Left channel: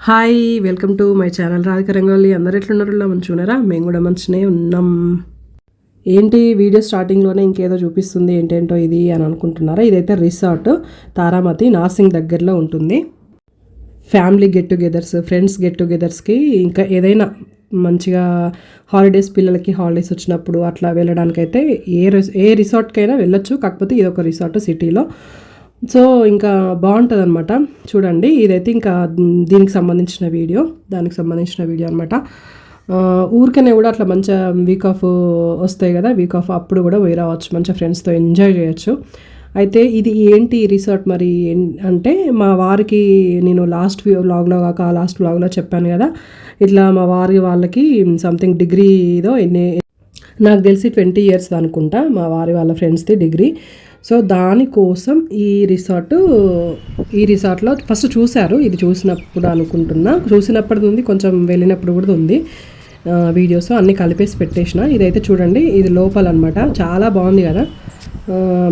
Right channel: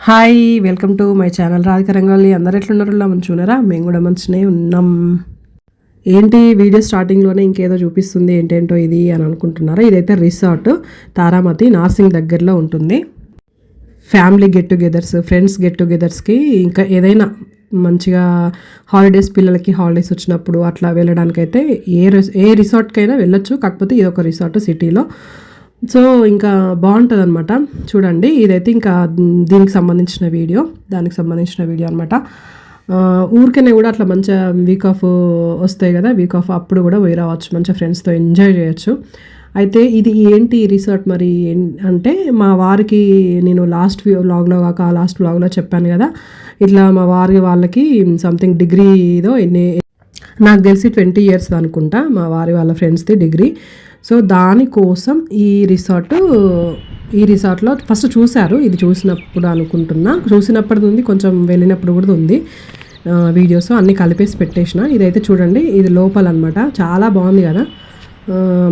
Hi welcome to my channel Radhika Rangoli అందరు ఎట్లున్నారు? మంచిగున్నారా మేము కూడా మంచిగానే ఉన్నాం. ఏంటి వీడియో స్టార్టింగ్లోనే ఇంకేదో చూపిస్తుంది ఏంటేంటో ఇది అని అనుకుంటున్నారా? ఇదైతే రిసార్ట్ తారామతి నార్సింగ్ దగ్గరలో ఉంటుంది. Family get togethers friends get టుగెదర్స్కి ఇంకా ఏదైనా మంచిగా హాలిడేస్ పిల్లలకి హాలిడేస్ వచ్చినప్పుడు అట్లా వెళ్ళడానికైతే ఏ ఏ రిసార్ట్కైనా వెళ్ళొచ్చు. కాకపోతే ఇది ఒక రిసార్ట్ సిటీలో సో ఇంకా బాగుంటుంది అనమాట చూడండి ఇదైతే ఇంకా దీనికి సంబంధించిన వీడియో దానికి సంబంధించిన వీడియో అనమాట ఊరికనే కూడా అట్లా మంచిగా వీక్ ఆఫ్ వస్తాయి కదా వీక్ ఆఫ్ అప్పుడు కూడా పోయి రావచ్చు మంచిగా ఫ్రెండ్స్తో ఎంజాయ్ చేయొచ్చు. అయితే ఇది ఏంటి రిసార్ట్ మరి? ఏం- అంటే మా వారికి నేను లాస్ట్ వ్లాగ్లో కాక లాస్ట్ వ్లాగ్లో చెప్పాను కదా ఇట్లా మా వారి వాళ్ళకి సంథింగ్ డిగ్రీదో ఎన్ని నాకు తెలిసి ట్వంటీ ఇయర్స్ అనుకుంటా మా వారి వాళ్ళ ఫ్రెండ్స్ది డిగ్రీ సో దానికోసం ఈ రిసార్ట్ ఈ రిసార్ట్లో ఫస్ట్ చూశారు ఇది చూసినప్పుడు అనుకుంటున్నా. చూసినప్పుడు ఉంది కొంచెం వెళ్ళినప్పుడు కూడా ఉంది. వీడియోస్ అన్నీ కలిపేసి పెట్టేసిన. ఇదైతే చూడండి ఇది లోపల అనమాట చాలా బాగుంది కదా.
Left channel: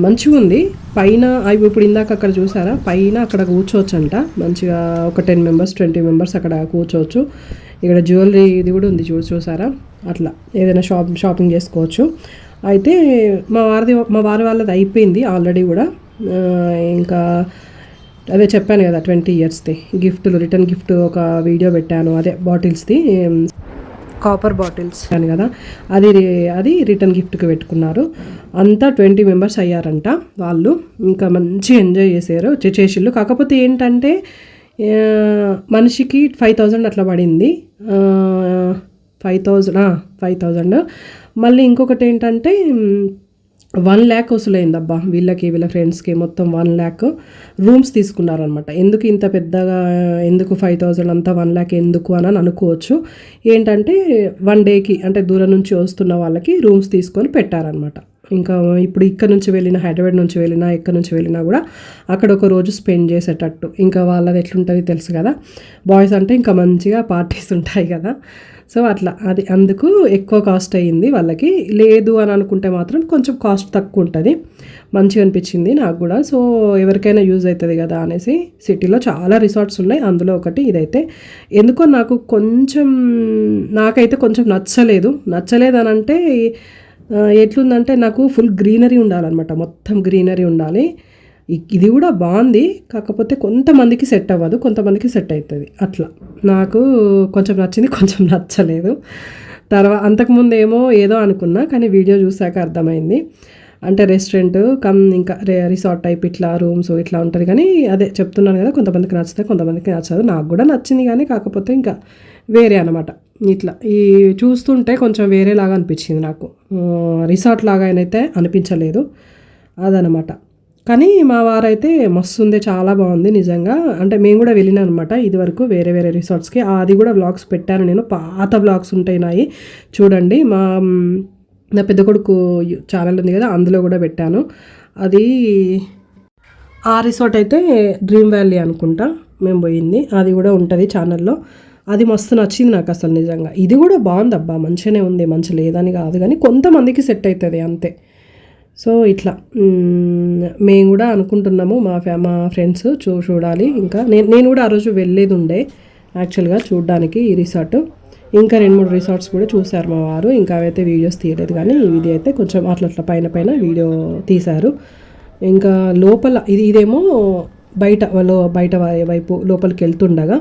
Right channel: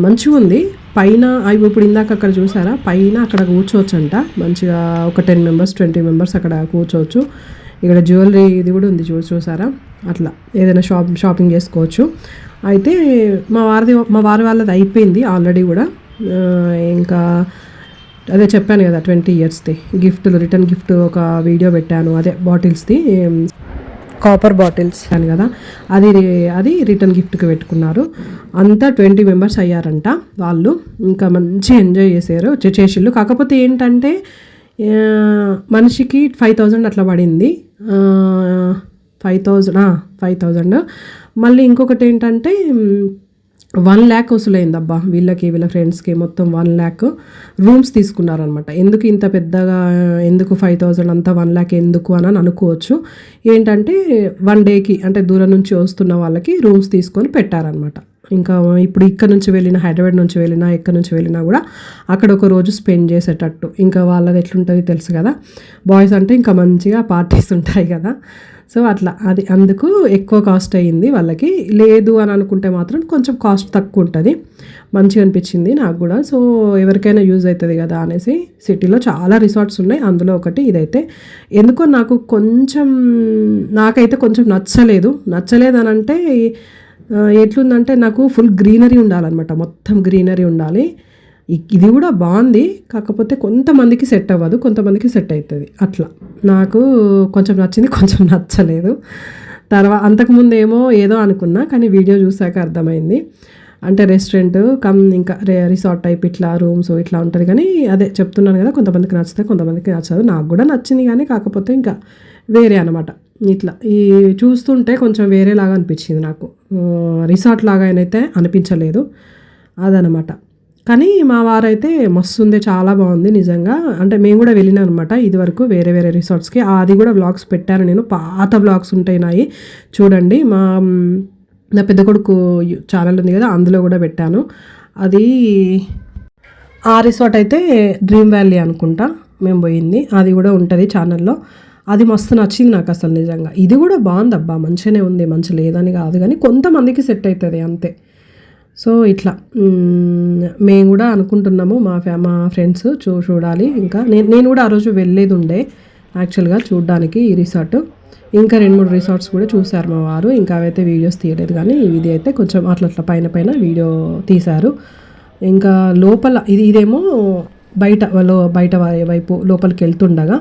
మంచిగా ఉంది. పైన అవి ఇప్పుడు ఇందాక అక్కడ చూసారా? పైన అక్కడ కూర్చోవచ్చంట. మంచిగా ఒక టెన్ మెంబర్స్ ట్వంటీ మెంబర్స్ అక్కడ కూర్చోవచ్చు. ఇక్కడ జ్యువెలరీ ఇది కూడా ఉంది చూసి చూసారా? అట్లా. ఏదైనా షాప్ షాపింగ్ చేసుకోవచ్చు. అయితే మా వారిది మా వారి వాళ్ళది అయిపోయింది ఆల్రెడీ కూడా. ఇంకా అదే చెప్పాను కదా ట్వంటీ ఇయర్స్ది. గిఫ్ట్లు రిటర్న్ గిఫ్ట్ ఒక వీడియో పెట్టాను అదే బాటిల్స్ది. Copper bottles. అని కదా. అది అది రిటర్న్ గిఫ్ట్కి పెట్టుకున్నారు. అంతా ట్వంటీ మెంబర్స్ అయ్యారంట వాళ్ళు. ఇంకా మంచి ఎంజాయ్ చేశారు చేసిళ్ళు. కాకపోతే ఏంటంటే మనిషికి ఫైవ్ థౌజండ్ అట్లా పడింది. Five thousand five thousand. మళ్ళీ ఇంకొకటి ఏంటంటే వన్ ల్యాక్ వసూలైందబ్బా. వీళ్ళకి వీళ్ళ ఫ్రెండ్స్కి మొత్తం వన్ ల్యాక్ రూమ్స్ తీసుకున్నారనమాట ఎందుకు ఇంత పెద్దగా ఎందుకు ఫైవ్ థౌజండ్ అంతా వన్ ల్యాక్ ఎందుకు అని అనుకోవచ్చు. ఏంటంటే వన్ డేకి అంటే దూరం నుంచి వస్తున్న వాళ్ళకి రూమ్స్ తీసుకొని పెట్టారనమాట ఇంకా ఇప్పుడు ఇక్కడ నుంచి వెళ్ళిన హైదరాబాద్ నుంచి వెళ్ళినా ఎక్కడి నుంచి వెళ్ళినా కూడా అక్కడ ఒక రోజు స్పెండ్ చేసేటట్టు. ఇంకా వాళ్ళది ఎట్లుంటుంది తెలుసు కదా? బాయ్స్ అంటే ఇంకా మంచిగా పార్టీస్ ఉంటాయి కదా. సో అట్లా. అది అందుకు ఎక్కువ కాస్ట్ అయ్యింది వాళ్ళకి. లేదు అని అనుకుంటే మాత్రం కొంచెం కాస్ట్ తక్కువ ఉంటుంది. మంచిగా అనిపించింది నాకు కూడా. సో ఎవరికైనా యూజ్ అవుతుంది కదా అనేసి సిటీలో చాలా రిసార్ట్స్ ఉన్నాయి. అందులో ఒకటి ఇదైతే. ఎందుకో నాకు కొంచెం నాకైతే కొంచెం నచ్చలేదు. నచ్చలేదు అని అంటే ఎట్లుందంటే నాకు ఫుల్ గ్రీనరీ ఉండాలన్నమాట. మొత్తం గ్రీనరీ ఉండాలి. ఇది కూడా బాగుంది. కాకపోతే కొంతమందికి సెట్ అవ్వదు. కొంతమందికి సెట్ అవుతుంది అట్లా. నాకు కొంచెం నచ్చింది కొంచెం నచ్చలేదు. తర్వాత అంతకుముందు ఏమో ఏదో అనుకున్నా కానీ వీడియో చూసాక అర్థమైంది. అంటే రెస్టారెంట్ కమ్ ఇంకా రే- రిసార్ట్ టైప్ ఇట్లా రూమ్స్ ఇట్లా ఉంటుంది. కానీ అదే చెప్తున్నాను కదా కొంతమందికి నచ్చితే కొంతమందికి నచ్చదు. నాకు కూడా నచ్చింది కానీ కాకపోతే ఇంకా వేరే అనమాట ఇట్లా. ఈ చూస్తుంటే కొంచెం వేరేలాగా అనిపించింది నాకు. రిసార్ట్ లాగా అయితే అనిపించలేదు. అదనమాట. కానీ మా వారైతే మస్తు ఉంది చాలా బాగుంది నిజంగా. అంటే మేము కూడా వెళ్ళినాం అనమాట ఇదివరకు వేరే వేరే రిసార్ట్స్కి. అది కూడా బ్లాగ్స్ పెట్టాను నేను. పాత బ్లాగ్స్ ఉంటాయి నాయి చూడండి మా నా పెద్ద కొడుకు ఛానల్ ఉంది కదా అందులో కూడా పెట్టాను. అది ఆ రిసార్ట్ అయితే డ్రీమ్ వ్యాలీ అనుకుంటా మేము పోయింది. అది కూడా ఉంటుంది ఛానల్లో అది మస్తు నచ్చింది నాకు అసలు నిజంగా. ఇది కూడా బాగుంది అబ్బా మంచిగానే ఉంది మంచి లేదని కాదు కానీ కొంతమందికి సెట్ అవుతుంది అంతే. సో ఇట్లా. మేము కూడా అనుకుంటున్నాము మా ఫ్యా మా ఫ్రెండ్స్ చూ చూడాలి. ఇంకా నేను నేను కూడా ఆ రోజు వెళ్ళేది ఉండే యాక్చువల్గా చూడడానికి ఈ రిసార్ట్ ఇంకా రెండు మూడు రిసార్ట్స్ కూడా చూశారు మా వారు. ఇంకా అవైతే వీడియోస్ తీయలేదు కానీ ఇది అయితే కొంచెం అట్లా అట్లా పైన పైన వీడియో తీశారు. ఇంకా లోపల ఇది ఇదేమో బయట లో బయట వైపు లోపలికి వెళ్తుండగా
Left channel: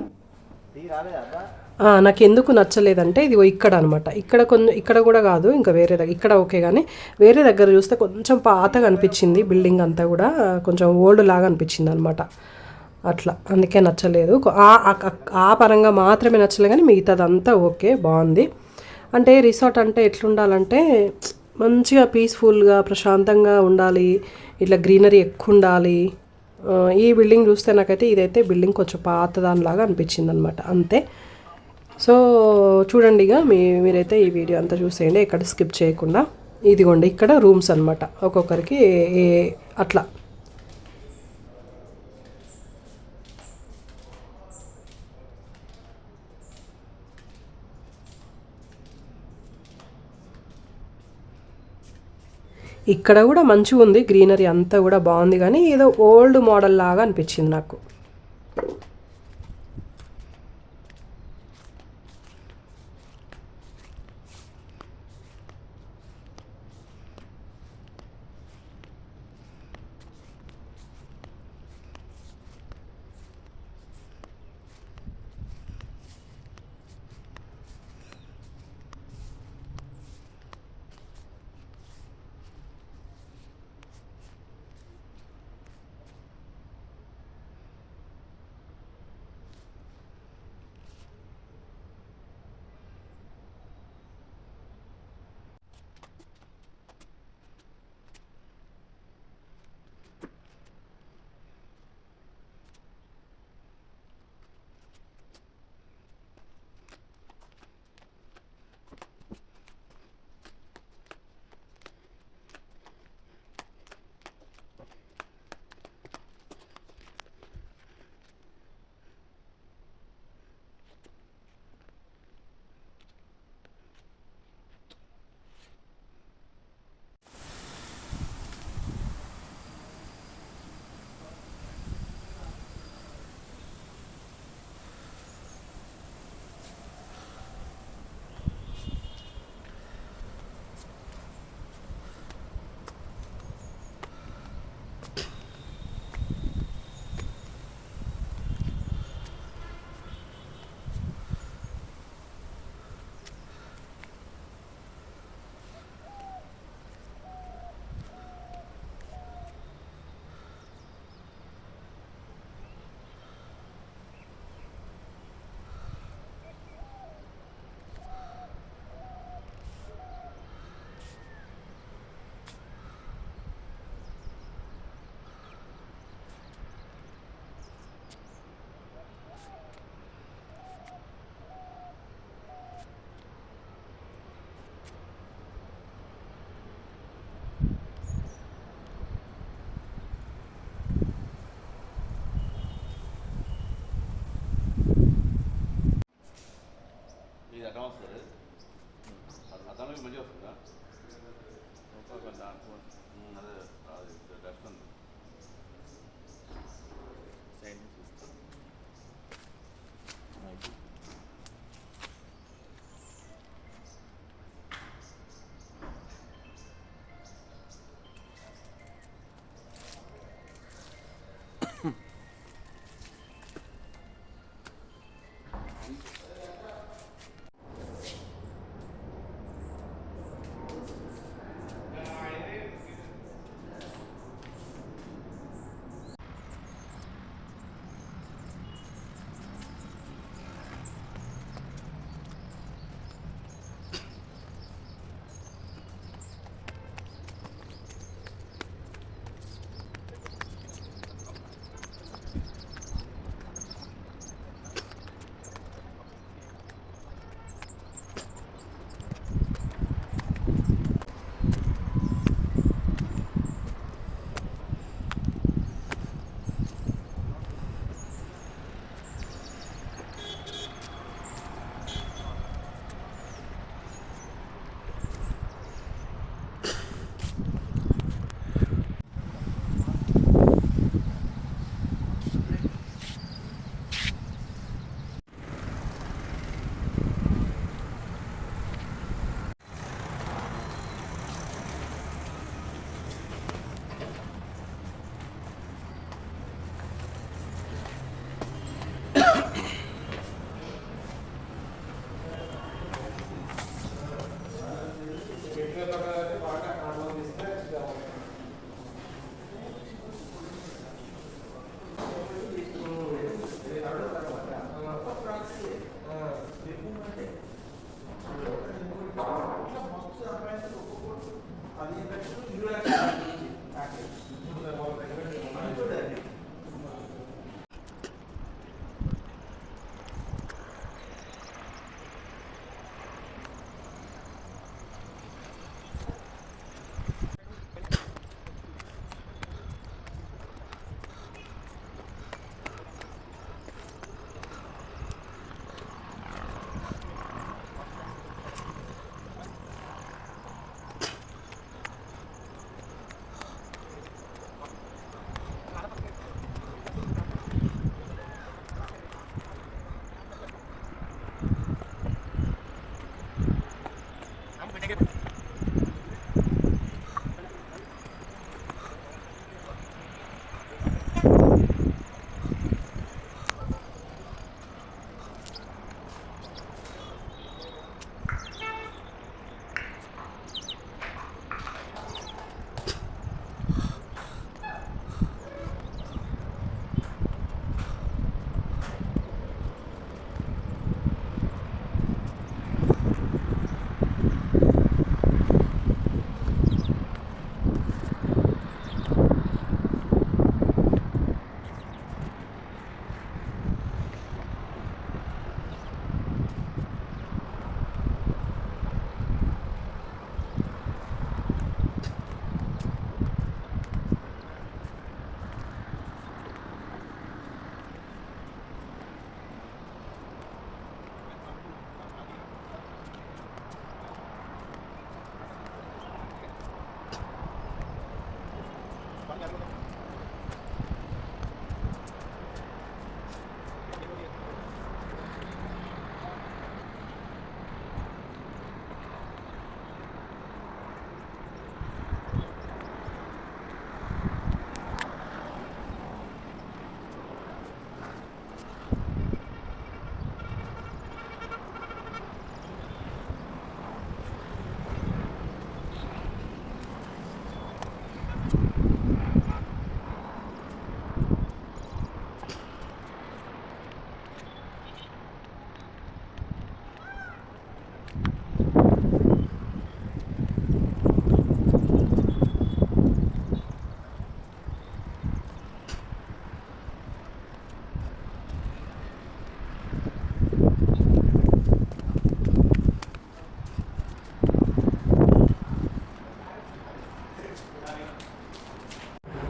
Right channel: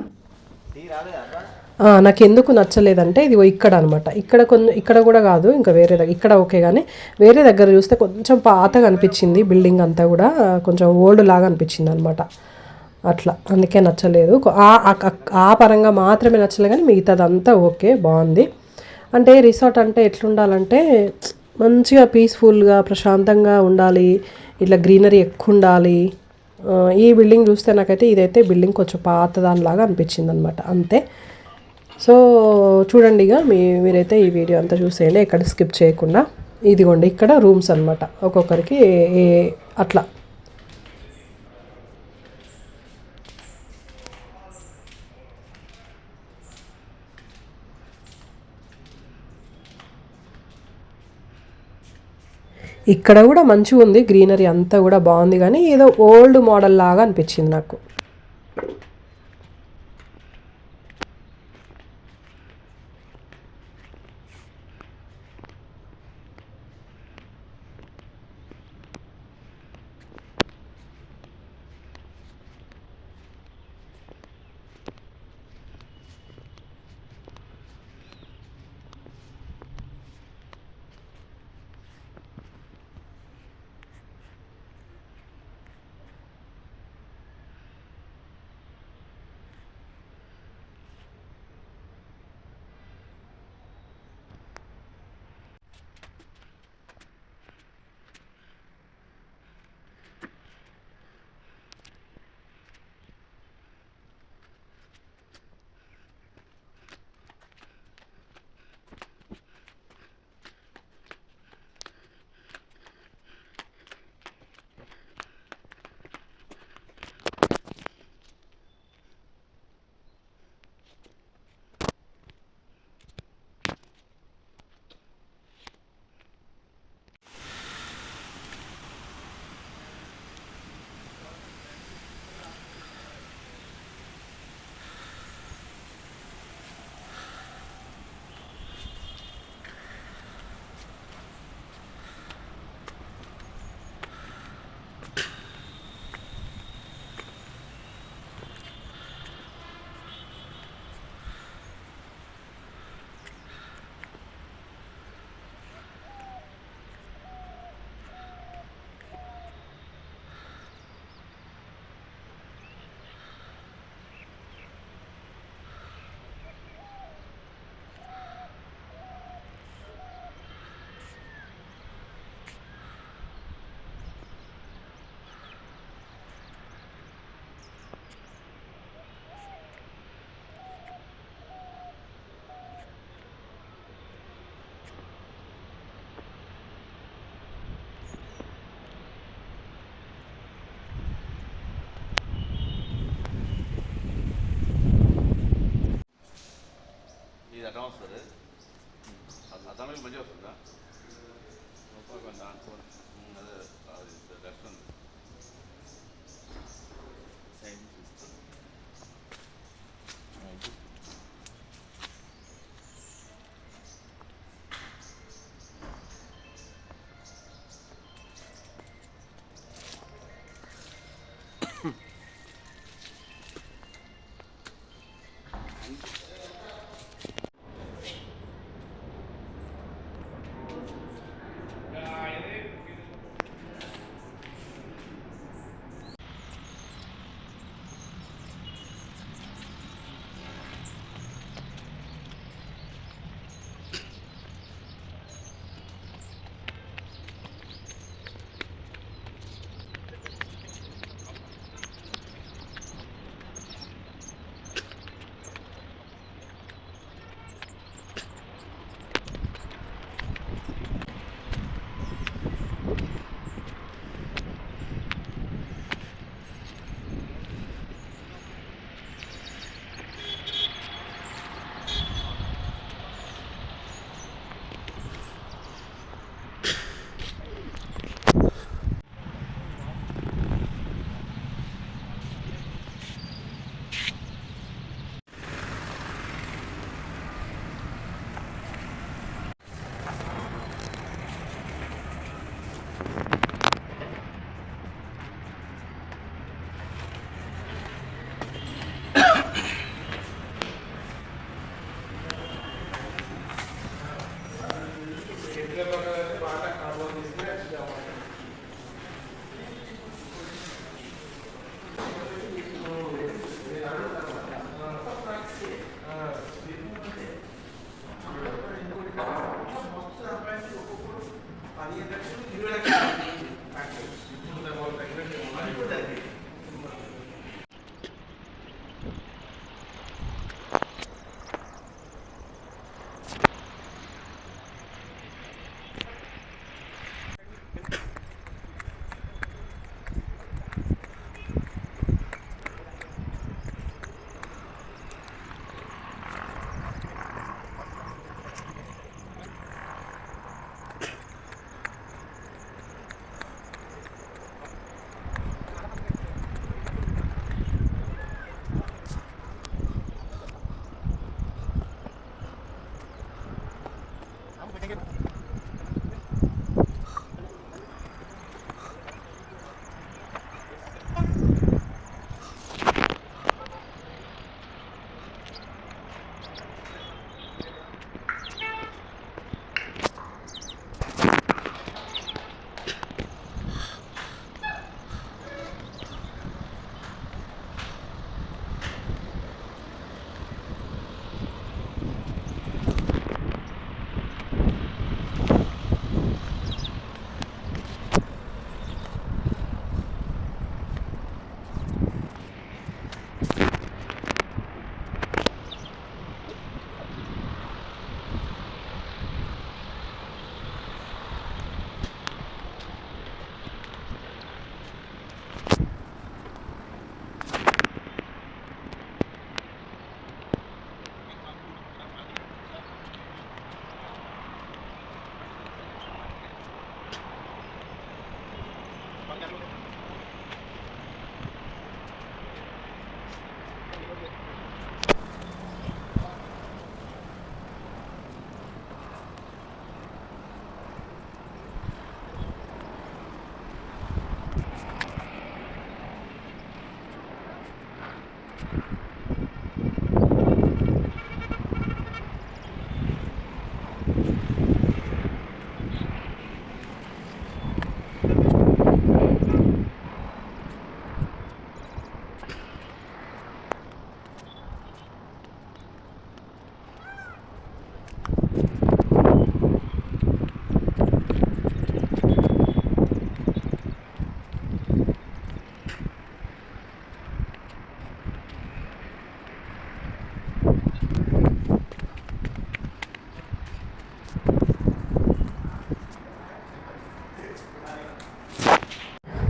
నాకు ఎందుకు నచ్చలేదంటే ఇది ఇక్కడ అనమాట ఇక్కడ కొంచెం ఇక్కడ కూడా కాదు ఇంకా వేరే దగ్గర ఇక్కడ ఓకే కానీ వేరే దగ్గర చూస్తే కొంచెం పాతగా అనిపించింది బిల్డింగ్ అంతా కూడా కొంచెం ఓల్డ్ లాగా అనిపించింది అనమాట అట్లా అందుకే నచ్చలేదు. ఆ- ఆ- పరంగా మాత్రమే నచ్చలేదు కానీ మిగతాదంతా ఓకే బాగుంది. అంటే రిసార్ట్ అంటే ఎట్లుండాలంటే మంచిగా పీస్ఫుల్గా ప్రశాంతంగా ఉండాలి ఇట్లా గ్రీనరీ ఎక్కువ ఉండాలి ఈ బిల్డింగ్ చూస్తే నాకైతే ఇదైతే బిల్డింగ్ కొంచెం పాత దానిలాగా అనిపించింది అనమాట అంతే. సో చూడండి ఇక మీ మీరైతే ఈ వీడియో అంతా చూసేయండి ఎక్కడ స్కిప్ చేయకుండా. ఇదిగోండి ఇక్కడ రూమ్స్ అనమాట ఒక్కొక్కరికి ఏ- అట్లా. ఇక్కడ కూడా మంచిగా ఉంది గ్రీనరీ అంతా కూడా బాగుంది కానీ ఏదో ఓల్డ్ మోడల్ లాగా అనిపించింది నాకు. వస్తుందా అదే అది లక్ష ఉంది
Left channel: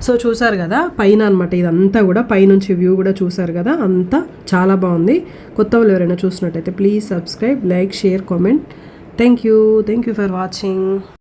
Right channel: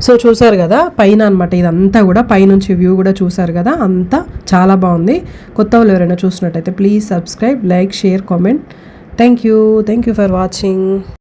సో చూసారు కదా పైన అనమాట ఇదంతా కూడా పైనుంచి వ్యూ కూడా చూసారు కదా అంతా చాలా బాగుంది. కొత్త వాళ్ళు ఎవరైనా చూసినట్టయితే please subscribe like share comment. Thank you. Thank you for watching.